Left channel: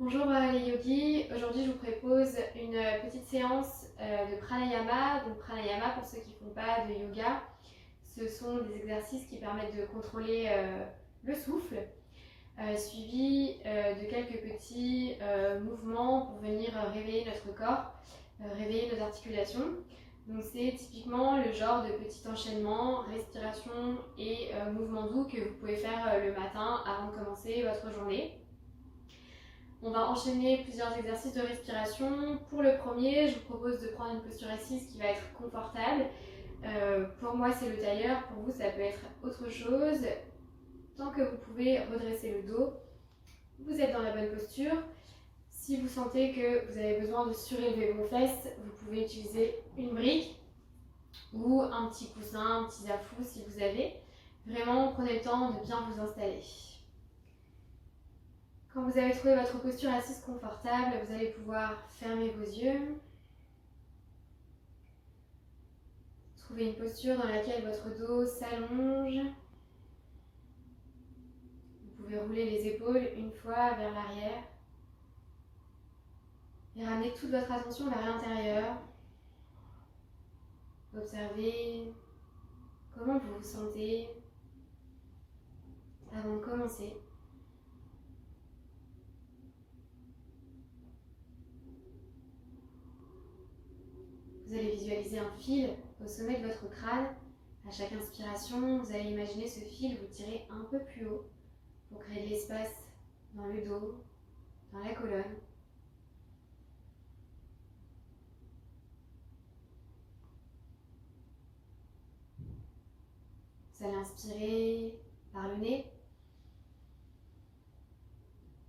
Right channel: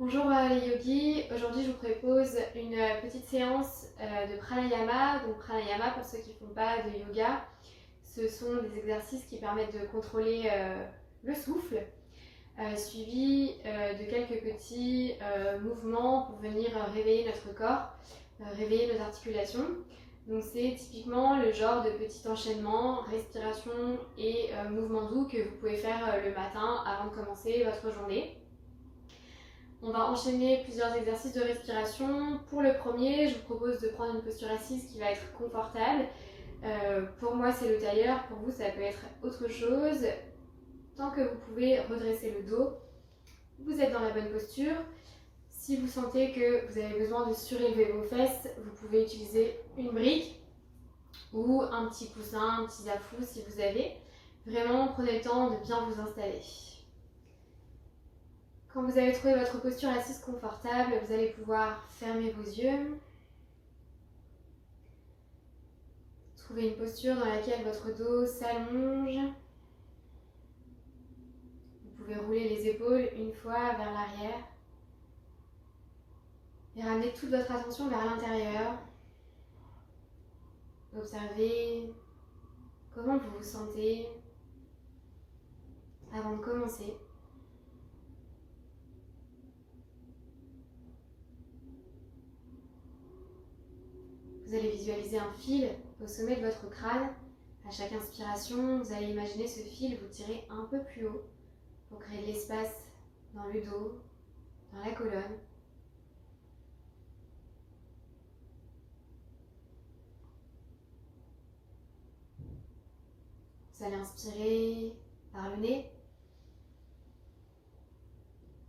Bonjour les yogis, aujourd'hui je vous propose une petite séance de pranayama. Donc pranayama, pour ceux qui ne font pas de yoga, ce sont des exercices qui permettent de contrôler le souffle, suivi de quelques petits mouvements pour venir réveiller notre corps, réveiller nos articulations. Donc c'est typiquement le genre de petit enchaînement, respiration et mouvement doux que vous pouvez faire le matin avant de commencer votre journée. On va enchaîner plusieurs exercices de respiration. Pour le premier, je vous propose de prendre une posture assise qui va être confortable. Pour moi, c'est le tailleur. Pour vous, ça peut être autre chose. Tant que vous pouvez redresser le dos, vous êtes dans la bonne posture. Si vous sentez que vous avez besoin de surélever vos fesses, vous pouvez utiliser une brique ou un petit coussin, un petit zafou si vous avez. Vraiment, prenez le temps de bien vous installer. Quand vous avez trouvé votre posture assise confortable, vous allez pouvoir fermer vos yeux. Trouvez une posture dans laquelle votre dos s'allonge. Vous pouvez rouler les épaules une fois vers l'arrière et ramener toute votre attention vers l'intérieur. Observez comment vous vous sentez avant de commencer. Vous allez visualiser un fil au sommet de votre crâne. À chaque inspiration, vous allez imaginer ce fil vous tirer un peu plus haut pour créer de l'espace dans le dos, dans la colonne. Vous allez inspirer par le nez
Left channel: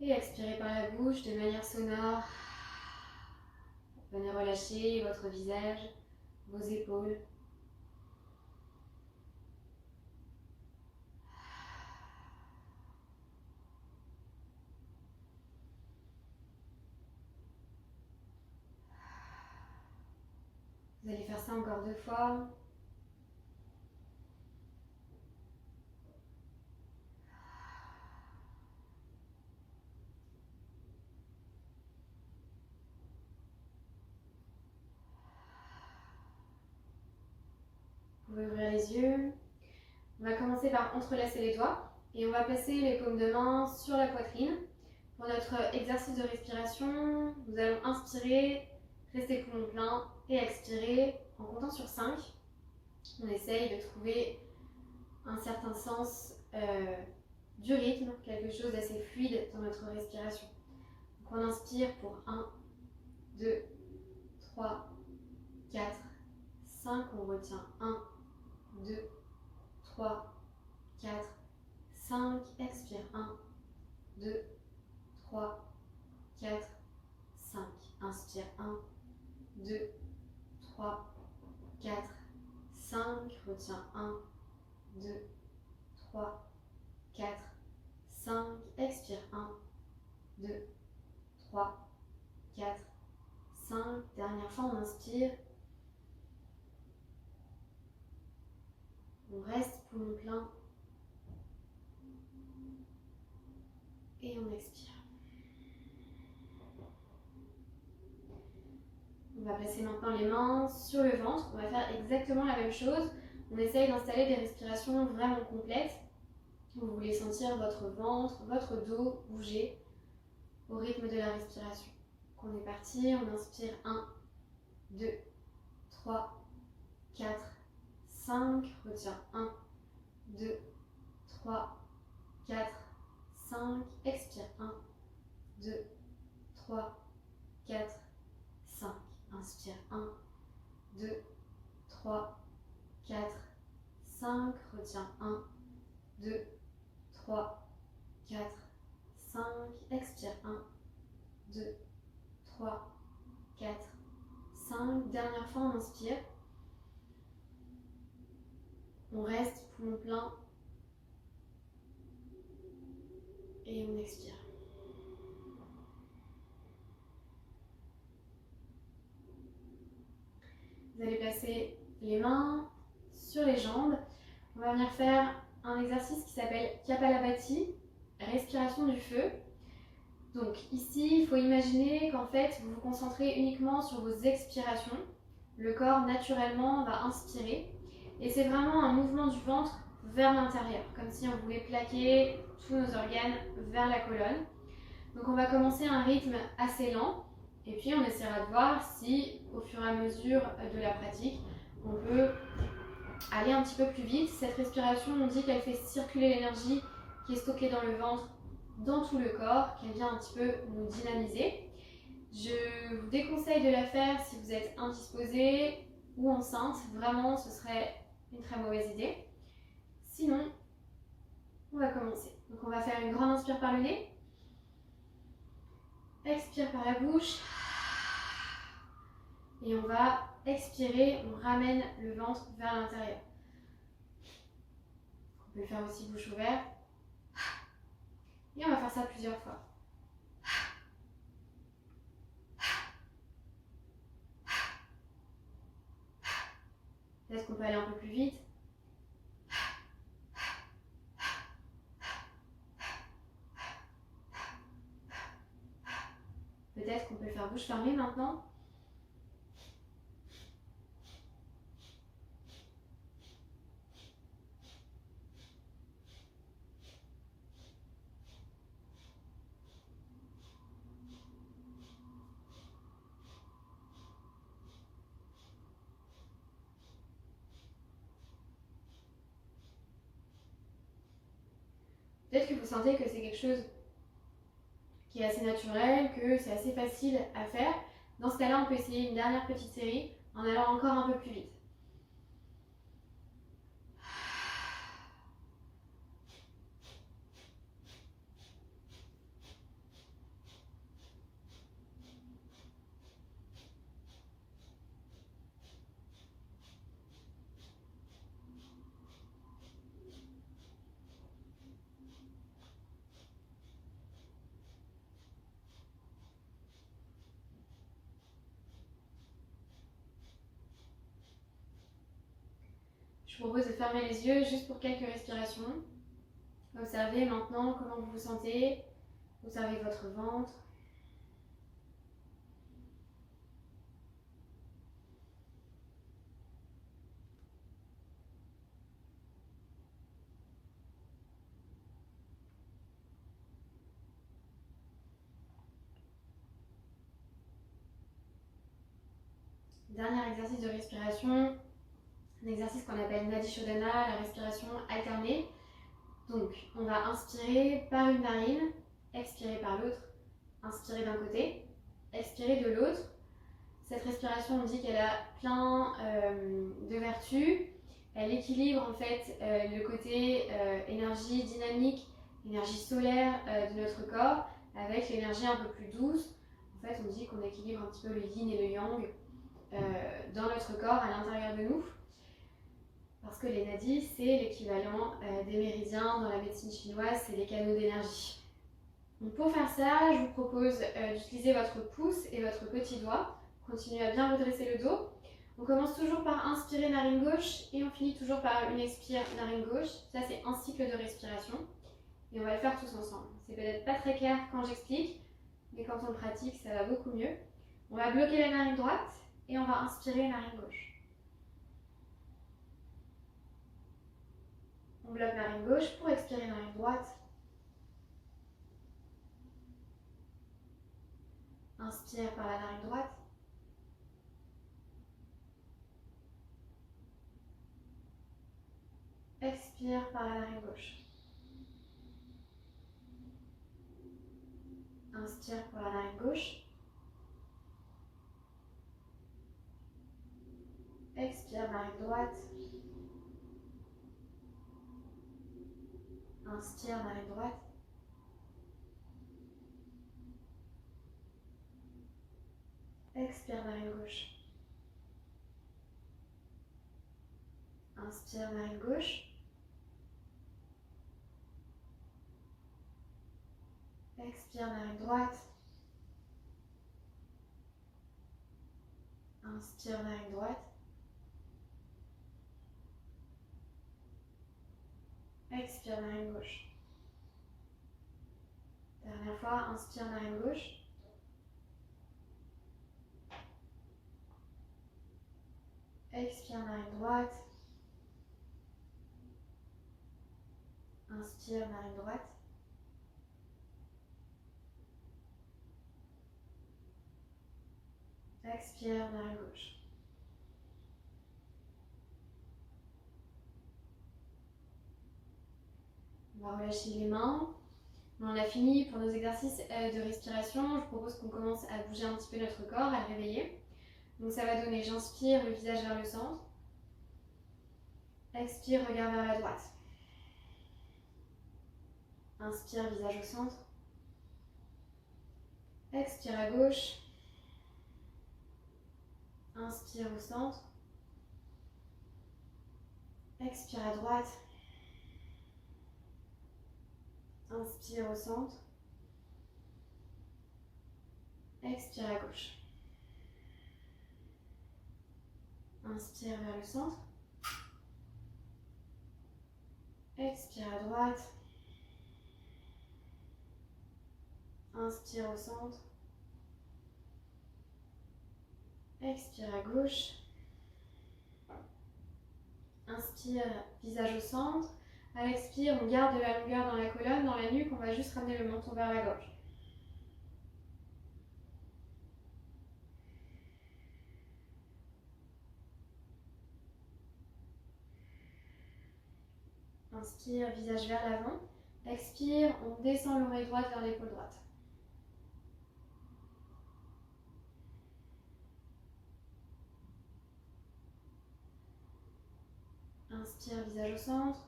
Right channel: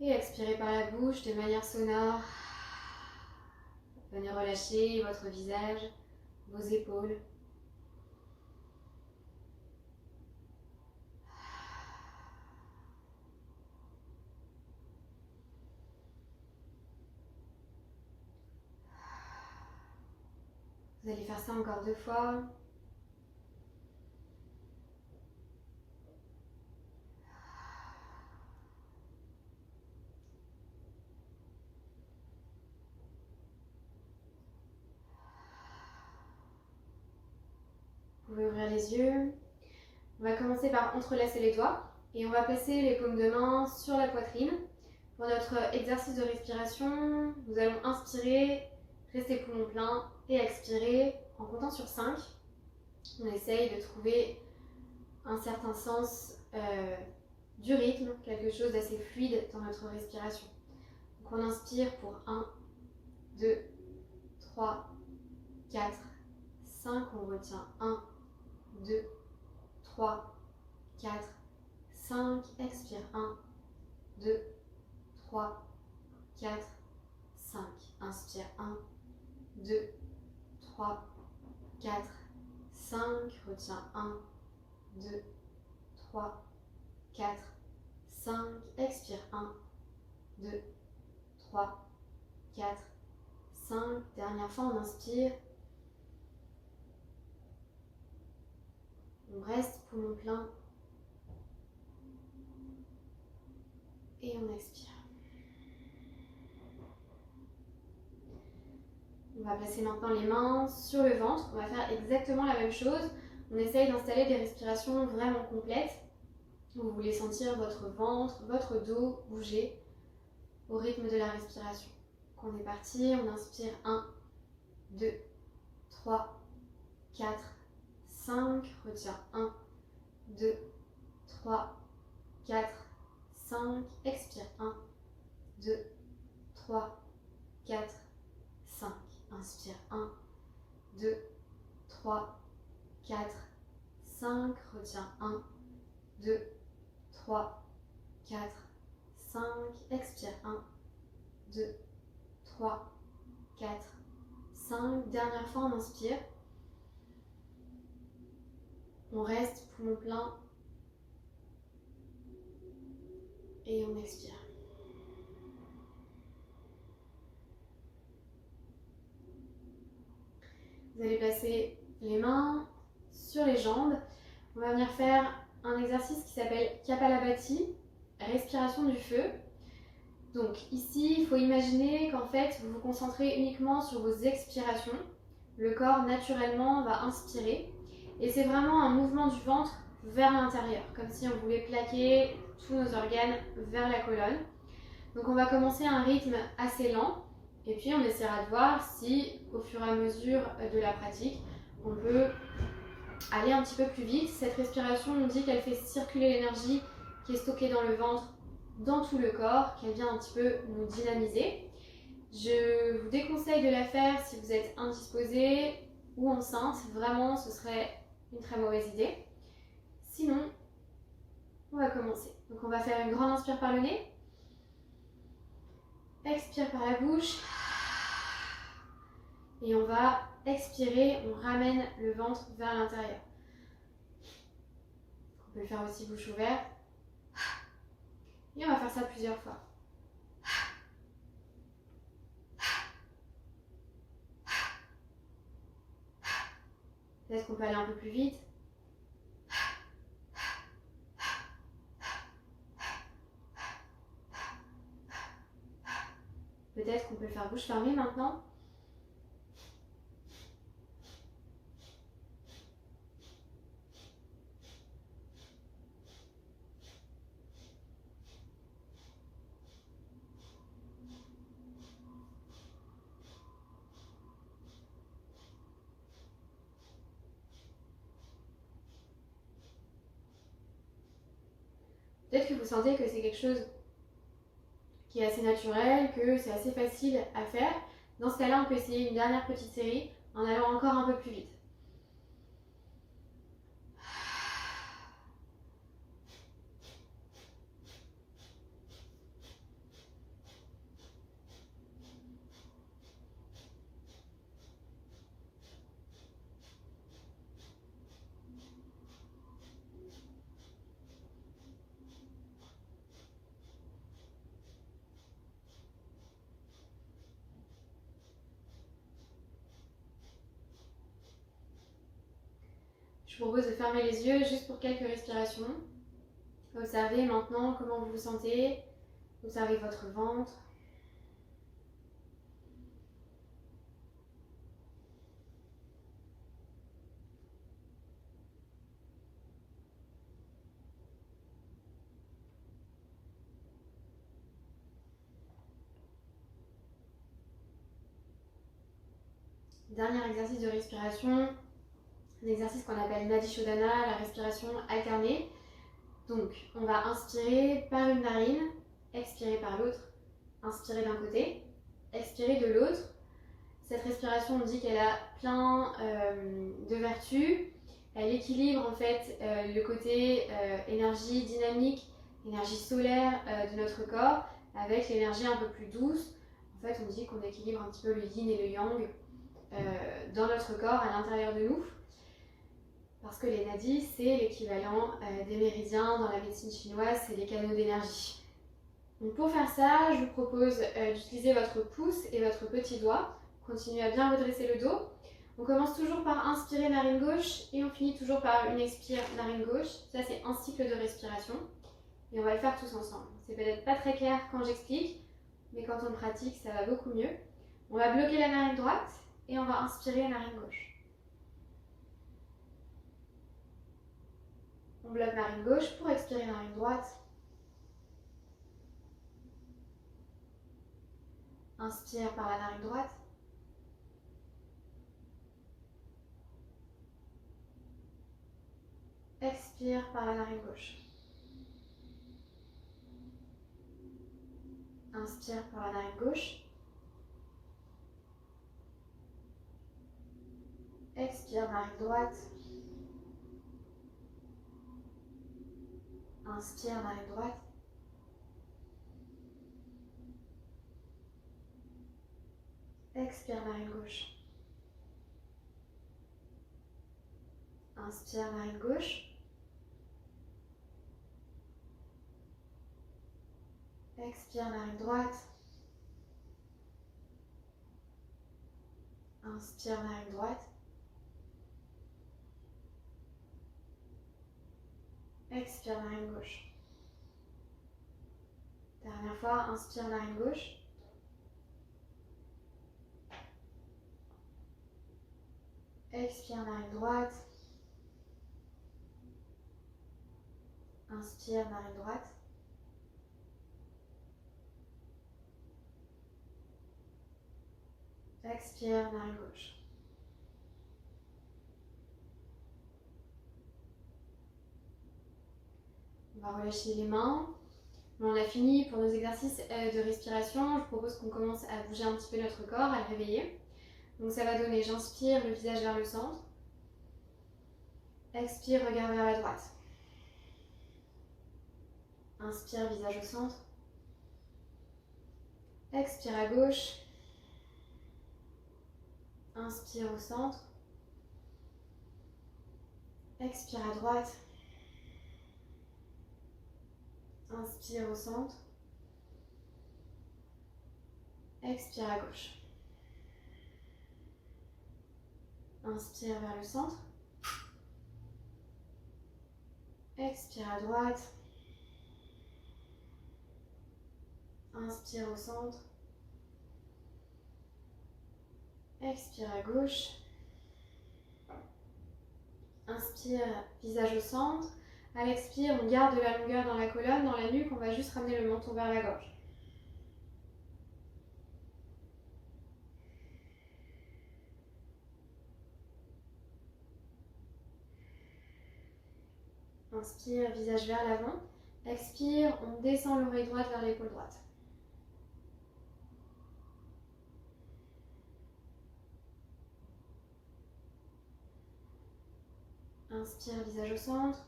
et expirer par la bouche de manière sonore. Venez relâcher votre visage, vos épaules. Vous allez faire ça encore 2 fois. Vous pouvez ouvrir les yeux. On va commencer par entrelacer les doigts et on va placer les paumes de main sur la poitrine. Pour notre exercice de respiration, nous allons inspirer, rester poumon plein et expirer en comptant sur 5. On essaye de trouver un certain sens du rythme, quelque chose d'assez fluide dans notre respiration. Donc on inspire pour 1, 2, 3, 4, 5. On retient 1, 2, 3, 4, 5. Expire 1, 2, 3, 4, 5. Inspire 1, 2, 3, 4, 5. Retiens 1, 2, 3, 4, 5. Expire 1, 2, 3, 4, 5. Dernière fois, on inspire. On reste poumon plein. Et on expire. On va placer maintenant les mains sur le ventre. On va faire exactement la même chose. On essaye d'installer des respirations vraiment complètes. Vous voulez sentir votre ventre, votre dos bouger au rythme de la respiration. Donc on est parti, on inspire 1, 2, 3, 4, 5. Retiens 1, 2, 3, 4, 5. Expire 1, 2, 3, 4, 5. Inspire 1, 2, 3, 4, 5. Retiens 1, 2, 3, 4, 5. Expire 1, 2, 3, 4, 5. Dernière fois, on inspire. On reste poumon plein. Et on expire. Vous allez placer les mains sur les jambes. On va venir faire un exercice qui s'appelle Kapalabhati, respiration du feu. Donc ici, il faut imaginer qu'en fait, vous vous concentrez uniquement sur vos expirations. Le corps, naturellement, va inspirer. Et c'est vraiment un mouvement du ventre vers l'intérieur, comme si on voulait plaquer tous nos organes vers la colonne. Donc on va commencer à un rythme assez lent. Et puis on essaiera de voir si, au fur et à mesure de la pratique, on peut aller un petit peu plus vite. Cette respiration, on dit qu'elle fait circuler l'énergie qui est stockée dans le ventre, dans tout le corps, qu'elle vient un petit peu nous dynamiser. Je vous déconseille de la faire si vous êtes indisposé ou enceinte. Vraiment, ce serait une très mauvaise idée. Sinon, on va commencer. Donc on va faire une grande inspire par le nez. Expire par la bouche. Et on va expirer, on ramène le ventre vers l'intérieur. On peut le faire aussi bouche ouverte. Et on va faire ça plusieurs fois. Peut-être qu'on peut aller un peu plus vite. Peut-être qu'on peut le faire bouche fermée maintenant. Peut-être que vous sentez que c'est quelque chose qui est assez naturel, que c'est assez facile à faire. Dans ce cas-là, on peut essayer une dernière petite série en allant encore un peu plus vite. Je vous propose de fermer les yeux juste pour quelques respirations. Observez maintenant comment vous vous sentez. Observez votre ventre. Dernier exercice de respiration, un exercice qu'on appelle Nadi Shodhana, la respiration alternée. Donc, on va inspirer par une narine, expirer par l'autre, inspirer d'un côté, expirer de l'autre. Cette respiration, on dit qu'elle a plein de vertus. Elle équilibre en fait le côté énergie dynamique, énergie solaire de notre corps avec l'énergie un peu plus douce. En fait, on dit qu'on équilibre un petit peu le yin et le yang dans notre corps, à l'intérieur de nous. Parce que les nadis, c'est l'équivalent des méridiens dans la médecine chinoise, c'est les canaux d'énergie. Donc pour faire ça, je vous propose d'utiliser votre pouce et votre petit doigt. Continuez à bien redresser le dos. On commence toujours par inspirer narine gauche et on finit toujours par une expire narine gauche. Ça, c'est un cycle de respiration. Et on va le faire tous ensemble. C'est peut-être pas très clair quand j'explique, mais quand on le pratique, ça va beaucoup mieux. On va bloquer la narine droite et on va inspirer la narine gauche. On bloque narine gauche pour expirer narine droite. Inspire par la narine droite. Expire par la narine gauche. Inspire par la narine gauche. Expire narine droite. Inspire narine droite. Expire narine gauche. Inspire narine gauche. Expire narine droite. Inspire narine droite. Expire narine gauche. Dernière fois, inspire narine gauche. Expire narine droite. Inspire narine droite. Expire narine gauche. On va relâcher les mains. On a fini pour nos exercices de respiration. Je propose qu'on commence à bouger un petit peu notre corps, à le réveiller. Donc ça va donner, j'inspire, le visage vers le centre. Expire, regard vers la droite. Inspire, visage au centre. Expire à gauche. Inspire au centre. Expire à droite. Inspire au centre. Expire à gauche. Inspire vers le centre. Expire à droite. Inspire au centre. Expire à gauche. Inspire, visage au centre. À l'expire, on garde de la longueur dans la colonne, dans la nuque. On va juste ramener le menton vers la gorge. Inspire, visage vers l'avant. Expire, on descend l'oreille droite vers l'épaule droite. Inspire, visage au centre.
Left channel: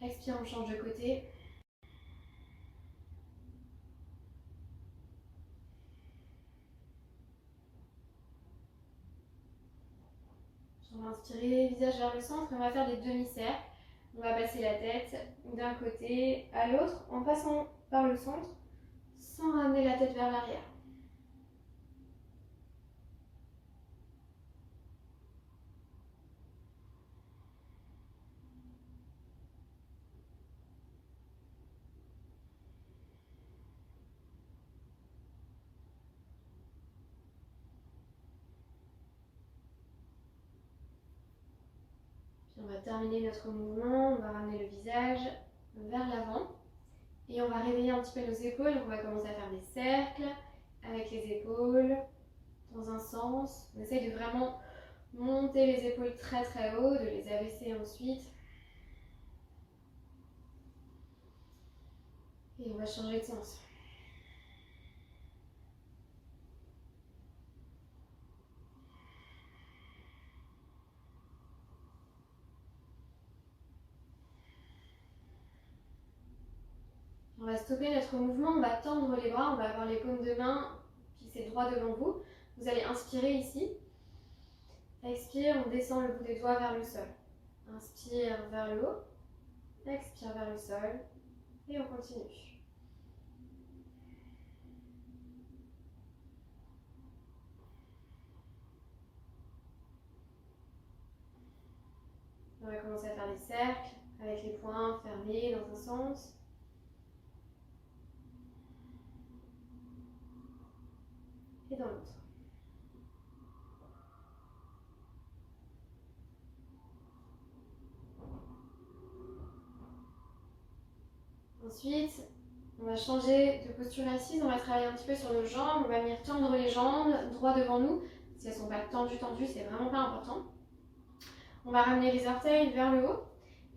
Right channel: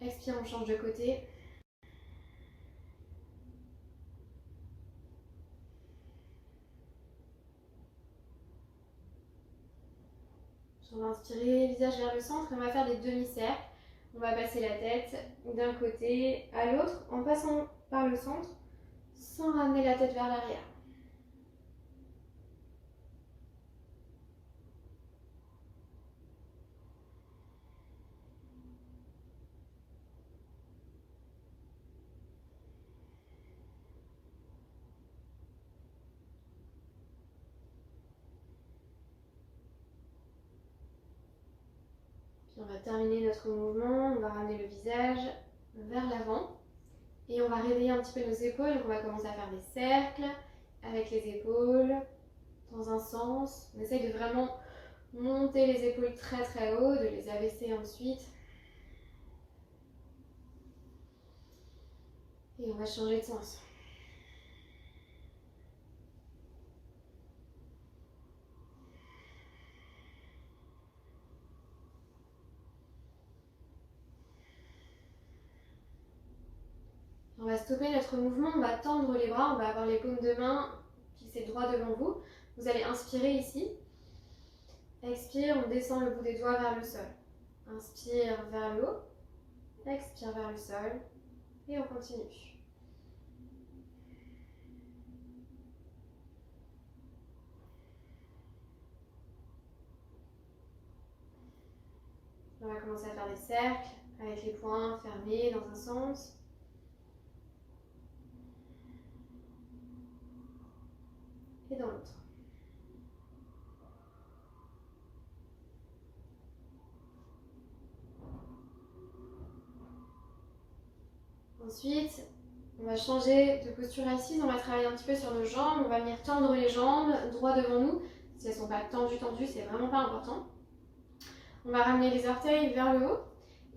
Expire, on change de côté. On va inspirer, visage vers le centre, et on va faire des demi-cercles. On va passer la tête d'un côté à l'autre en passant par le centre sans ramener la tête vers l'arrière. Puis on va terminer notre mouvement, on va ramener le visage vers l'avant et on va réveiller un petit peu nos épaules. On va commencer à faire des cercles avec les épaules dans un sens. On essaye de vraiment monter les épaules très très haut, de les abaisser ensuite. Et on va changer de sens. On va stopper notre mouvement, on va tendre les bras, on va avoir les paumes de main fixées droit devant vous. Vous allez inspirer ici. Expire, on descend le bout des doigts vers le sol. Inspire vers le haut. Expire vers le sol. Et on continue. On va commencer à faire des cercles avec les poings fermés dans un sens. Et dans l'autre. Ensuite, on va changer de posture assise, on va travailler un petit peu sur nos jambes, on va venir tendre les jambes droit devant nous. Si elles ne sont pas tendues, c'est vraiment pas important. On va ramener les orteils vers le haut.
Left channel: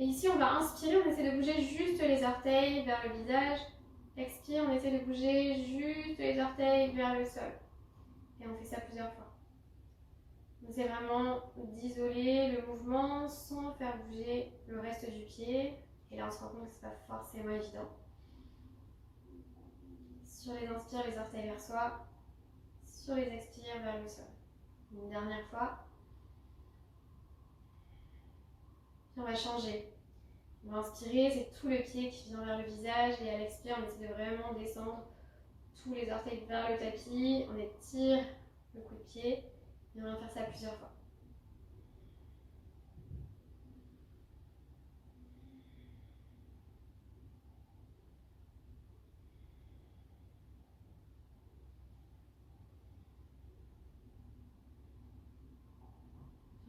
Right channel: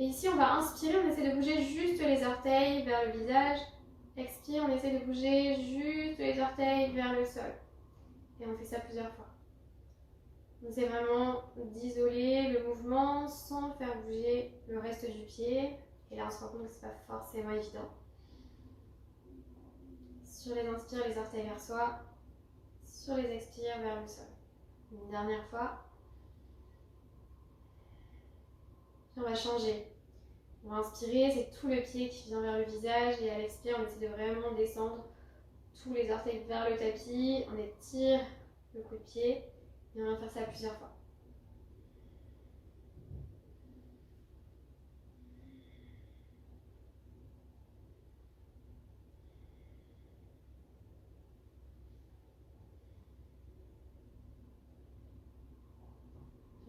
Et ici, on va inspirer, on essaie de bouger juste les orteils vers le visage. Expire, on essaie de bouger juste les orteils vers le sol. Et on fait ça plusieurs fois. On essaie vraiment d'isoler le mouvement sans faire bouger le reste du pied. Et là, on se rend compte que ce n'est pas forcément évident. Sur les inspires, les orteils vers soi. Sur les expires, vers le sol. Une dernière fois. Puis on va changer. On va inspirer, c'est tout le pied qui vient vers le visage. Et à l'expire, on essaie de vraiment descendre tous les orteils vers le tapis. On étire le coup de pied. Et on va faire ça plusieurs fois.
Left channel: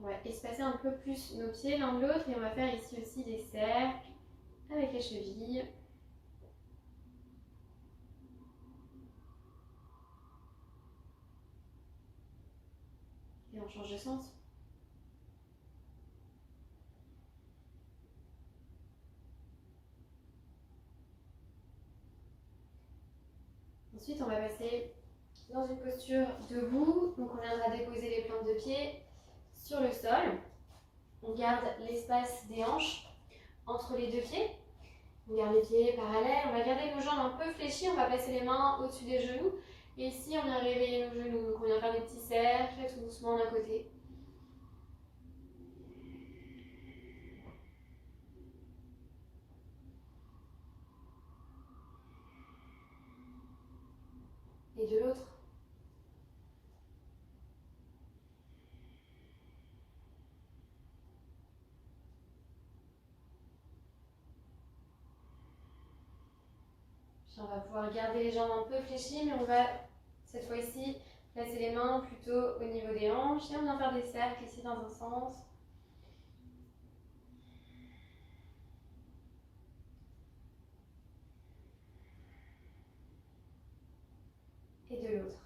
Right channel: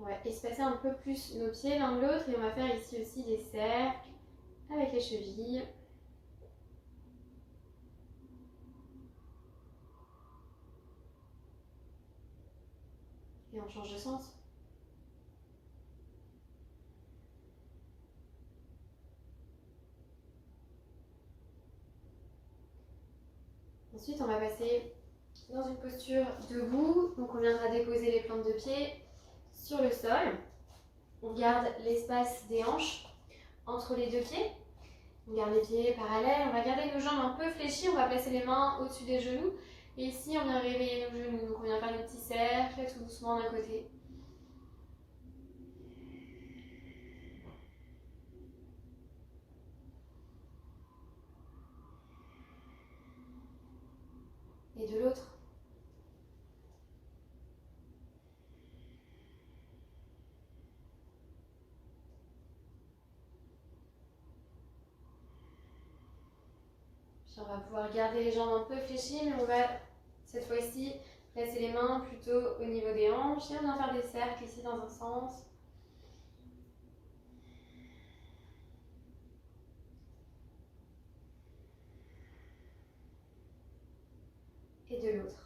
On va espacer un peu plus nos pieds l'un de l'autre et on va faire ici aussi des cercles avec les chevilles. Et on change de sens. Ensuite, on va passer dans une posture debout. Donc on viendra déposer les plantes de pied sur le sol. On garde l'espace des hanches entre les deux pieds. On garde les pieds parallèles. On va garder nos jambes un peu fléchies. On va placer les mains au-dessus des genoux. Et ici, on vient réveiller nos genoux. Donc on vient faire des petits cercles tout doucement d'un côté. Et de l'autre. Puis on va pouvoir garder les jambes un peu fléchies, mais on va cette fois-ci placer les mains plutôt au niveau des hanches. Et on vient faire des cercles ici dans un sens. Et de l'autre.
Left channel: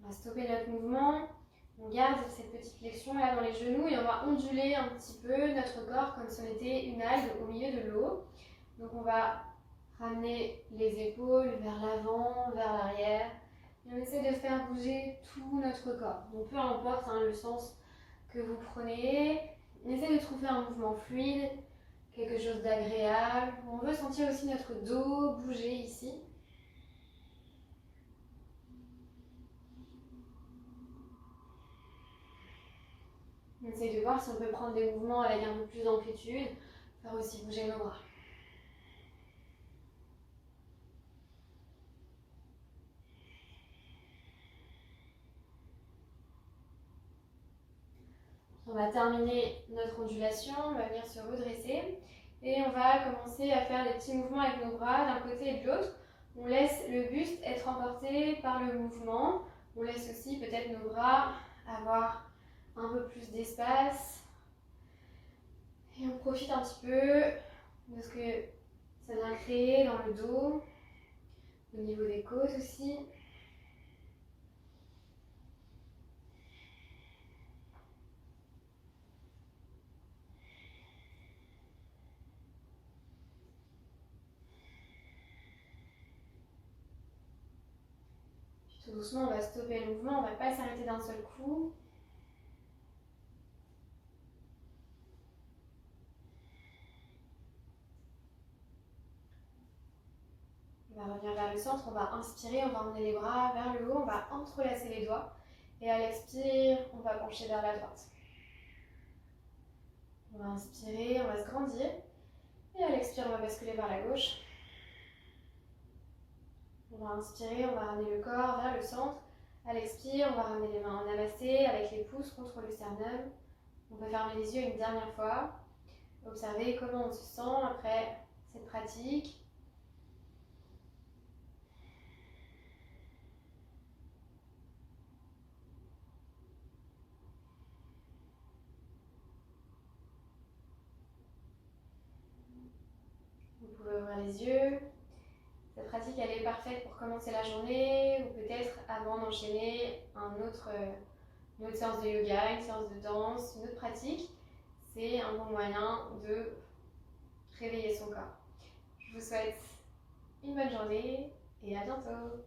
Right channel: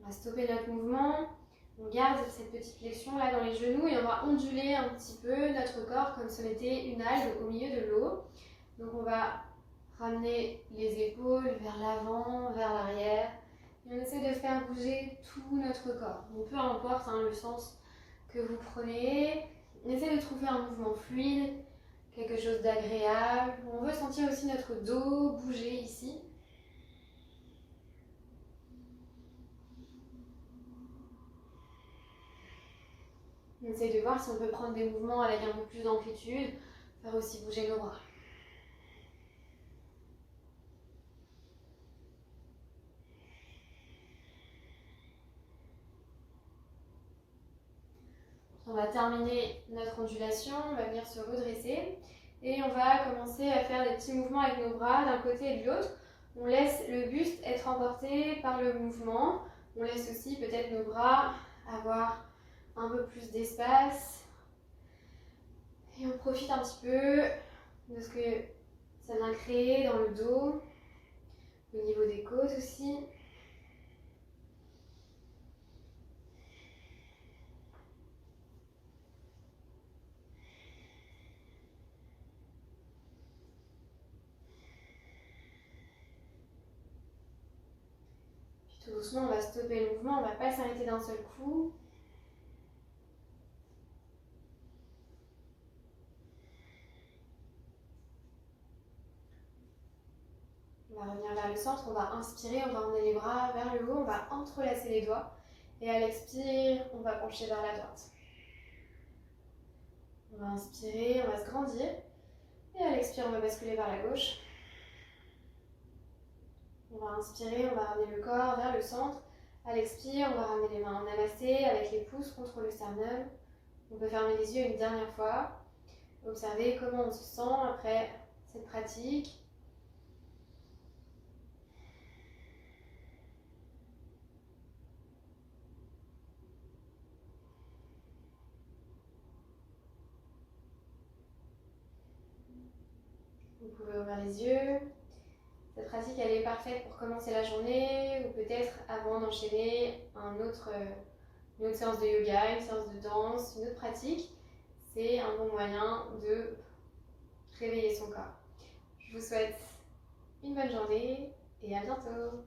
On va stopper notre mouvement. On garde cette petite flexion là dans les genoux et on va onduler un petit peu notre corps comme si on était une algue au milieu de l'eau. Donc on va ramener les épaules vers l'avant, vers l'arrière. Et on essaie de faire bouger tout notre corps. Donc peu importe le sens que vous prenez. On essaie de trouver un mouvement fluide, quelque chose d'agréable. On veut sentir aussi notre dos bouger ici. On essaye de voir si on peut prendre des mouvements avec un peu plus d'amplitude, faire aussi bouger nos bras. On va terminer notre ondulation, on va venir se redresser et on va commencer à faire des petits mouvements avec nos bras d'un côté et de l'autre. On laisse le buste être emporté par le mouvement. On laisse aussi peut-être nos bras avoir un peu plus d'espace. Et on profite un petit peu de ce que ça vient créer dans le dos, au niveau des côtes aussi. Puis tout doucement, on va stopper le mouvement, on ne va pas s'arrêter d'un seul coup. On va revenir vers le centre, on va inspirer, on va emmener les bras vers le haut, on va entrelacer les doigts. Et à l'expire, on va pencher vers la droite. On va inspirer, on va se grandir. Et à l'expire, on va basculer vers la gauche. On va inspirer, on va ramener le corps vers le centre. À l'expire, on va ramener les mains en namasté avec les pouces contre le sternum. On peut fermer les yeux une dernière fois. Observez comment on se sent après cette pratique. Vous pouvez ouvrir les yeux. Cette pratique, elle est parfaite pour commencer la journée ou peut-être avant d'enchaîner une autre séance de yoga, une séance de danse, une autre pratique. C'est un bon moyen de réveiller son corps. Je vous souhaite une bonne journée et à bientôt.